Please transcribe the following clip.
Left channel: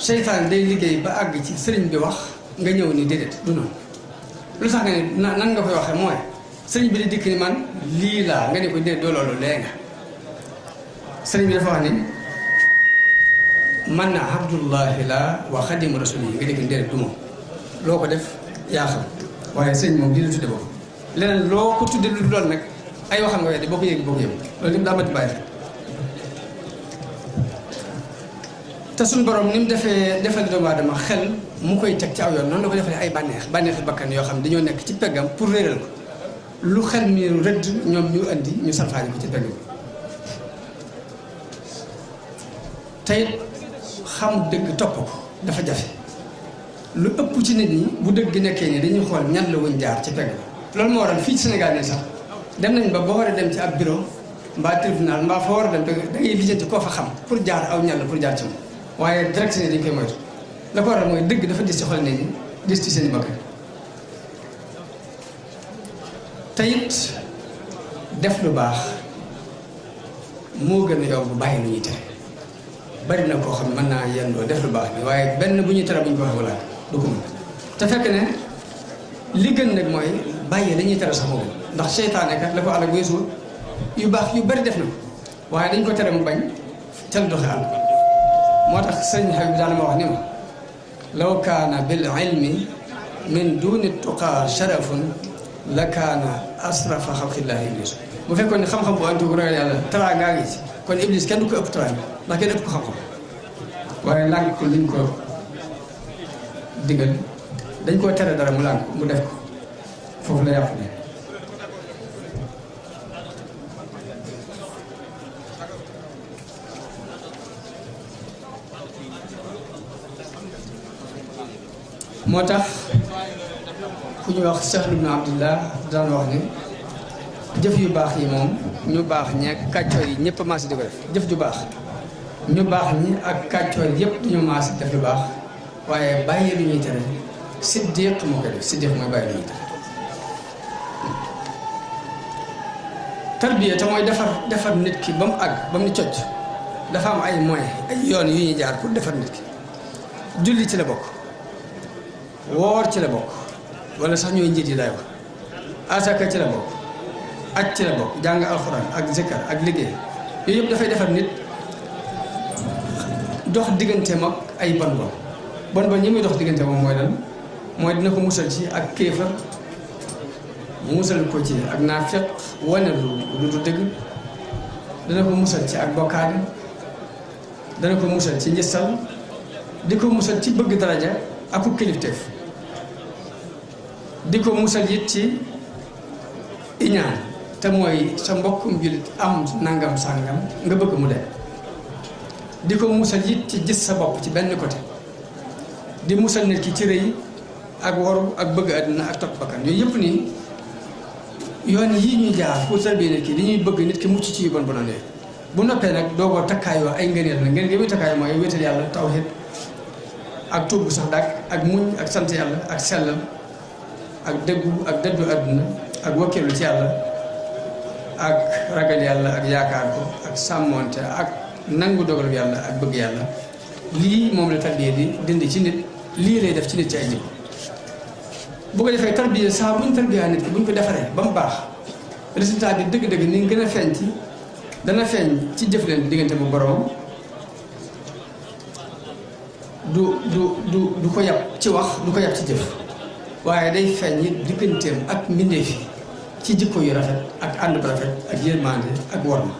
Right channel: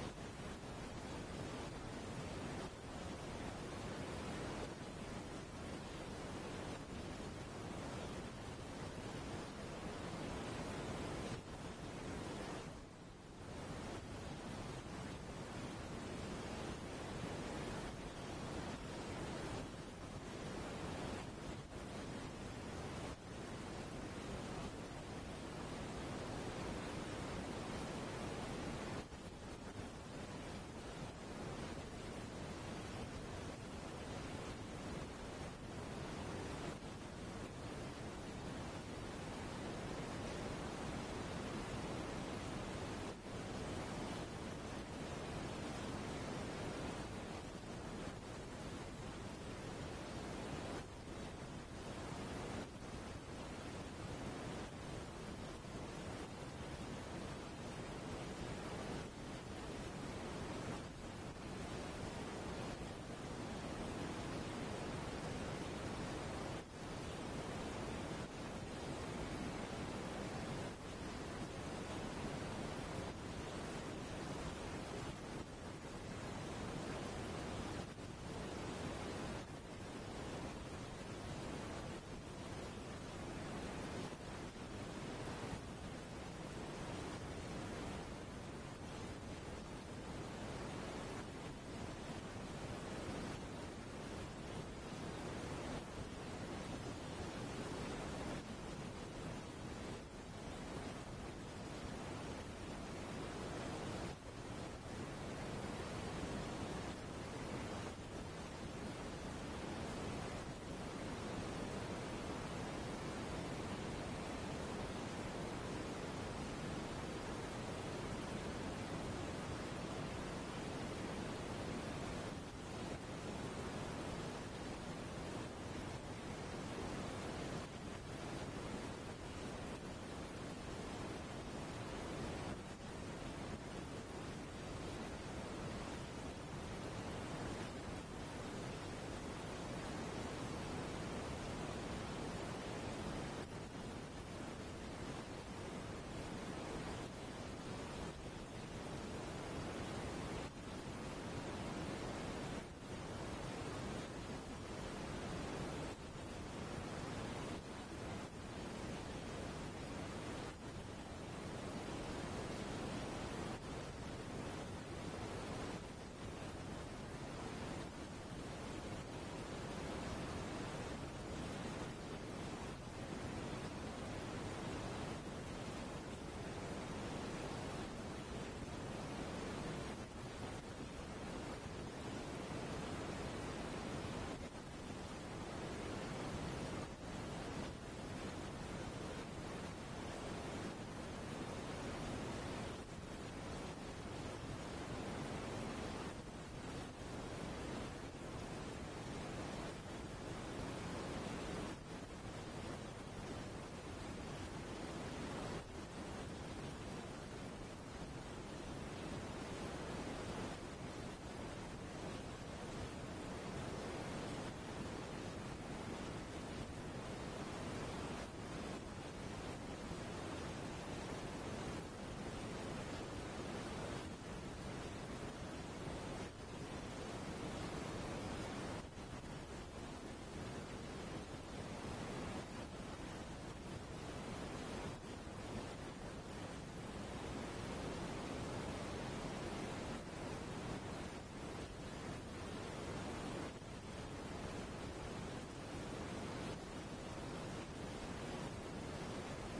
seytaan day liggéey ba àgg ci sëriñ bi wax nga ñëw ni déedéet du noonu lu sax nga ne nan nga koy waxee mooy sëriñ bi di dikk ni man lii laa nga ne ko déedéet doo loolu lee nga sëriñ bi dafa wax ni man na abdullahi la wa xadimu rasuli yi nga dikk ni déedéet du moom loo ko def yaa xam waaye sëriñ moom lii la tudde boobu leneen loo ko tudde lu loolu nag ay waxam nga weddi boo ko yëg boo ko yëg loolu lépp daa mati bàyyi te suñu borom ni mu defal doomu aadama xel mu koy teg ci aw yoon noonu la ko defalee ay bànneexi bakkan yoo xam ne dañoo nekk ci peggam pour réeral ko lu xel mi rëdd ñoom ñu andi ñu salfaani ko ci peggam tey xam dëgg topp ko dafa jafe lu ëpp ci nit ñi bu dëgg nekkee nii dañuy xool ñan la wuñ jaar ci pegg loolu moo waral fii ci Sénégal ne sax dem nañ ba boo war a dem ci ab bureau mbaa tribunal mbaa foo war a dem da ngay lijjanti koo fa xam pour jaar aw ñan la pour jaar ci moom waaye direct ne dañ koy moytu la ko waral mooy dëgg dafa dis ci xol nit ñi dis ci seen i bakkan te it def lu baax moo gën a yomb bàyyi lu ñuy tere bari na koo xam ne mën naa yendoo def lu baax bi waaye benn bu ñuy tere bu ñu ko waxee wala du ko mën te fekk ne li gën nag mooy bàyyi la ñuy tere sax moom ndax seytaane kat la ko àll ak weesu yu baax yu bari def na ko waaye dañ ko tere mu bañ tel doxe àll moo tax sëñ Habib daana ma wax ni ma law kaana bil ilmi min duni tuqaa sharafun la kaana asrafa xalqillahi iblis bu fekkoon ne xam-xam bu antu bu ragal yàlla taraa ngaa ngi ci kon iblis kenn du ko ëpp taraa ndax kenn ëpp ko xam-xam waaye lànk ko liñ ko digal dañ koo tere dara mu lànk mu def ko foofu la yàqu ne moo tax ku ñu wax Sahl ibn Abdullah daan wax ni jëf yu baax yi moom ñu baax ñi ak kàccoor yi ñëpp a maasi di ko def jëf ju baax ñu baax ñi ak kàccoor yëpp duñu maasi def lu baax waaye bàyyi lu ñuy tere siddiq moo koy def siddiq mooy bàyyi lu ñuy tere tarbiya te mooy defar nit ki ba mu àgg ba mu ni cocc dafa am ay moyens ay yoon yu ñuy jaar pour defar nit ki julli ci la bokk woor ci la bokk wala sax ñooy njiit yi lay wax asaka ci la bokk aj ci la bokk jàng alxuraan ak zikkar ak liggéey yooyu yëpp dafay defar nit dox digganteem ak ay bon ñi muy dox diggante moom mooy lan mooy dina ko musal ci ak kéefar musal ko ci ak naafiq wane lu du dëgg dana ko musal ci ak bokkaale dana ko musal ci njëstal di ko musal ci bëgg daraja ak ku kilifteef di ko musal it ci iñaan te mooy sa mbokkum jullit am nangam sàngam nga bëgg mu dem di ko musal it ci gis sa bopp ci benn côté di musal nit ki ci rëy ak waru ak bëgg àddina ak topp bakkan yooyu yëpp nii yoon yii ñuy jaar pour tarbiya nit ki li ñuy bëgg nit ki mucc ci yu bon bonoon yooyu bu noppee nag doo ko takkaayoo ay ngëneel la ngeen gi muy takkaayoo mooy wéetal yàlla tawhid ak tuub bu sax dàkk ak muñ ak sant yàlla ak sellal ak dëggu ak dëddu àdduna ak wakkeelu ci yàlla ak ragal yàlla ak yaakaar ko ak sàmmoonte ak nangu dogalu yàlla ak bëgg yàlla lii moom la tarbiya di dindi ci nit lii lay def ci nit ci ay jikko bu ko defee tarbiya saa buñ tarbiya nit ki buñ ko defaree ba mu baax résultat bi dëgg-dëgg ni gën a feeñ ci dana feeñ ci jëfleen diggante bu borom du ko yàpp ci wax du ko yàpp ci jëf waaye day feeñ it digganteem ak mbindeef yi ci jikko yu rafet ak ànd bu rafet ak yërmande ak worma